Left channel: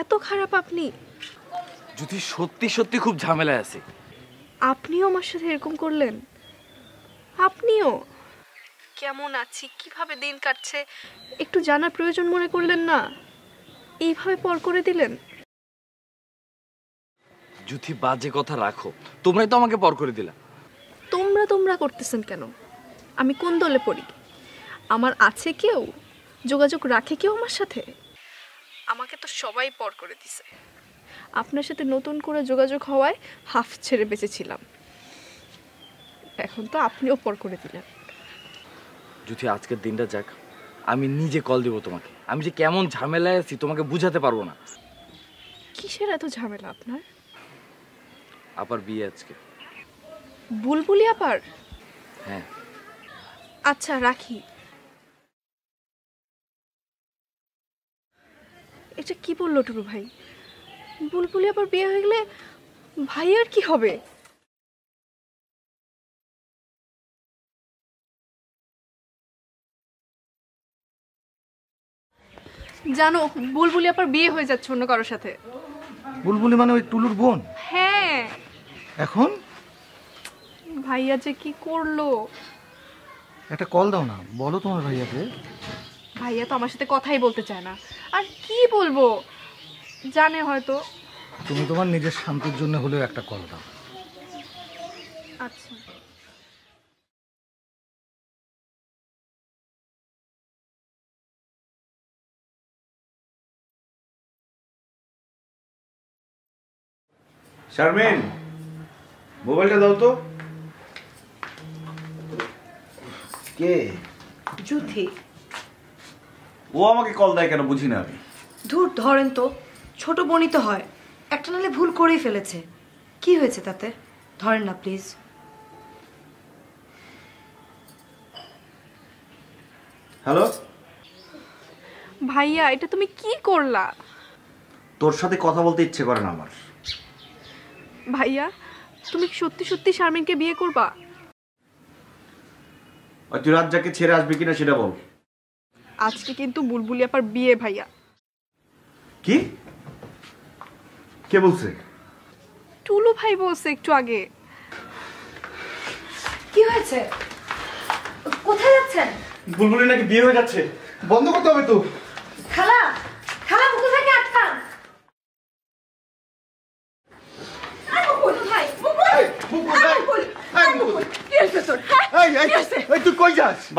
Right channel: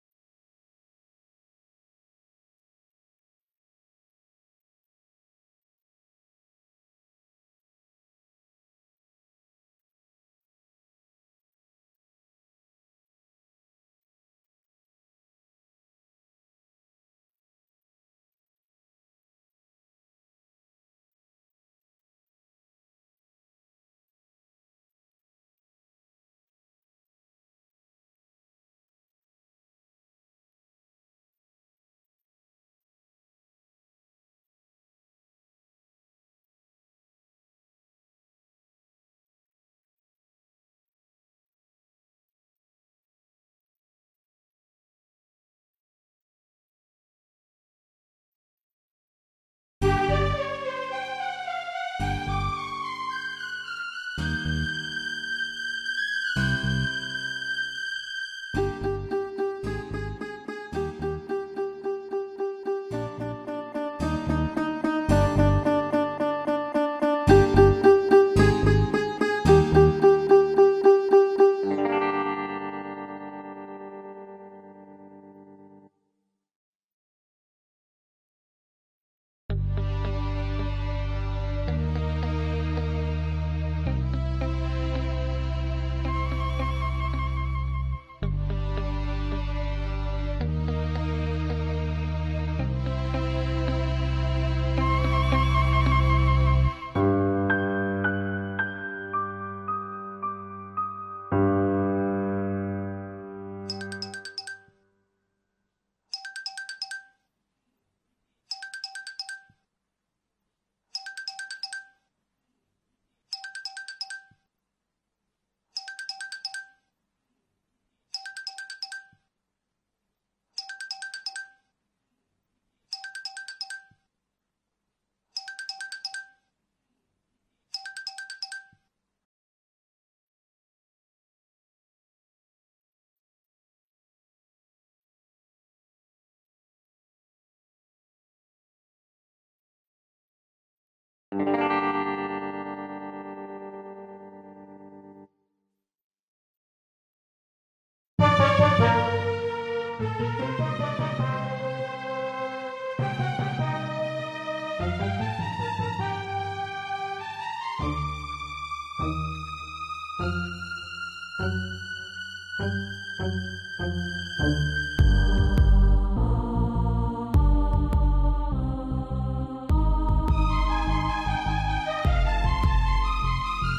এত খারাপ আপনি? যদি সত্যি সত্যি খুব ঝামেলায় আছে। আপনিও আমার সাথে এরকম করলেন? আপনিও? কেমন আছি, কিভাবে দিন কাটছে একটু জানার প্রয়োজন মনে করলেন না? এইভাবে পর করে দিলেন। যদি বাজে কথা রাখো, তোমরাই তো আমাকে পর করে দিলা। তোমরা করতেছেন কেন? আমি কোন দলে পড়ি? আমার আছে কেউ? যোগাযোগ রাখে কেউ আমার সাথে? আমাকে তো সবাই পর করে দিছে। আপনার সাথে নতুন করে যোগাযোগ হওয়ায় হাফ ছেড়ে বেঁচেছিলাম, এখন তো আপনিও পর করে দিলেন। যদি আজকের দিনটা যাক, আমি নিজে কল দেবো তোমাকে। আমি যে কেমন ঝামেলায় আছি তোমাকে বুঝাতে পারবো না। কিসের এত ঝামেলা আপনার? আবার বিয়ে আজকে। বুলবুলি আবার? আচ্ছা রাখি। এটা কি বললো টুকু ভাই? বুলবুলি আবার বিয়ে হয়ে গেলে ভাইয়ার কি হবে? জানো বুলবুলি আবার বিয়ে হয়ে যাচ্ছে অন্য কারোর সাথে। বুলবুলি মানে ওই টুলুর বোন? হ্যাঁ। এখন ভাইয়া যে কি করলো। একটা কল দাও না, বলো তোমার ভাইয়াকে। ভাইয়া তো আমার সাথে কথাই বলতে চায় না। আর কি বলবো, জানে হয়তো। তুমি তোমার নিজের শান্তির জন্য হলেও একটা কল দাও। শারমিন, মোবাইলটা দাও তো। কে? যুথি। ও আমাকে কল দেয় কেন বুঝি না আমি। ধুর ধরেন তো, ছোট বোনই তো হয়, একটা নালে ভুল করেই ফেলেছে, কি হয়েছে তাতে? ধরেন না প্লিজ। হ্যালো ভাইয়া, এটা তুমি কি করলা? তোর সাথে কথা বলতে ইচ্ছে করে না আমার। ভাইয়া, তুমি সত্যি সত্যি শারমিনকে বিয়ে করবা? তুই রাজ্জাকে ছেড়ে আসবি কিনা সেটা বল। আজকে কিন্তু বুলবুলি আপার বিয়ে ভাইয়া। কি? কে বলছে? টুলু ভাই বলছে একটু আগে। কি হয়েছে? কোথায় যাচ্ছেন? বুলবুলি নাকি বিয়ে হয়ে যাচ্ছে, বন্ধ করতে হবে তো। খালা, খালা মুকুল ভাইকে আটকান।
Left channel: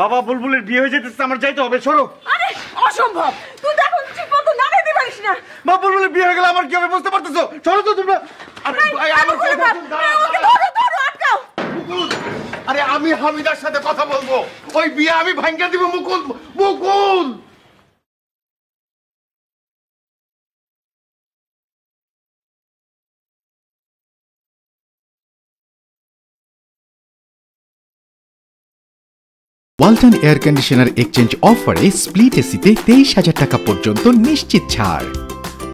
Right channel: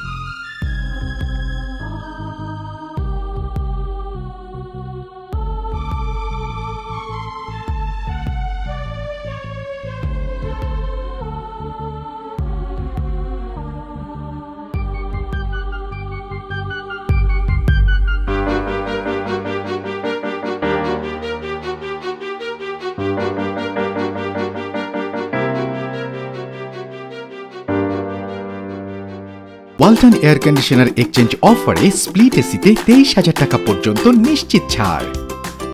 বাবা, বুলবুলের বিয়ে হয়ে যেতেছে, আমার যাইতে হবে, সরো। আরে অসম্ভব, তুই তো এখন ঠিক মতো না দিতে পারিস না। মা, বুলবুলের বিয়ে হয়ে গেলে আমার কি হবে বুঝতে পারতেছো? সরো তো তোমরা। আরে আমি হামিদার সাথে কথা বলবো, ওই বিয়ে আমি ভাঙ্গা দিব। মুকুল, মুকুল। ওয়ালটন এয়ার কন্ডিশনার এক্সচেঞ্জ অফারে স্প্লিট এসিতে 23,000 টাকা পর্যন্ত নিশ্চিত ছাড়।